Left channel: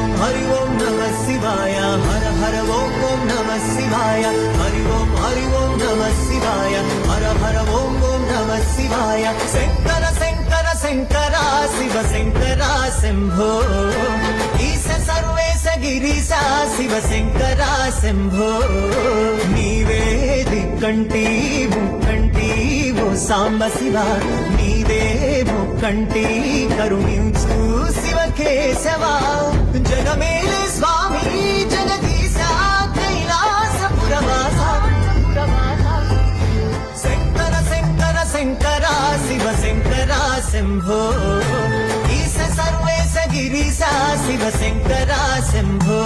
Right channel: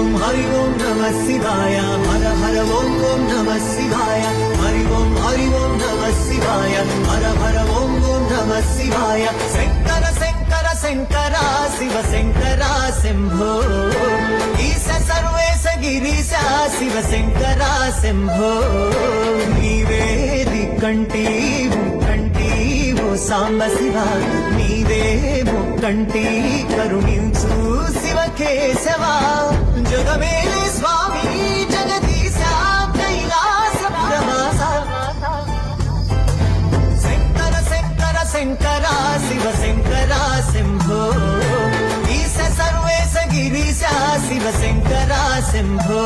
ఓం నమః శివాయ హర హర ఓం నమః శివాయ హరి ఓం నమః శివాయ హర హర ఓం నమః శివాయ శంకర శంకర శంకర శివ శంకర శంభో ఈశ సర్వేశ గిరీశ శివ శంకర శంభో నీవే దిక్కంటి ముక్కంటి ఓ సాంబ శివ నీవే ముక్కంటి కరుణించు శివ కేశవ జగమేలే స్వామి జగదీశ కైలాసపురవాస శంకర శంకర శంకర శివ శంకర శంభో ఈశ సర్వేశ గిరీశ శివ శంకర శంభో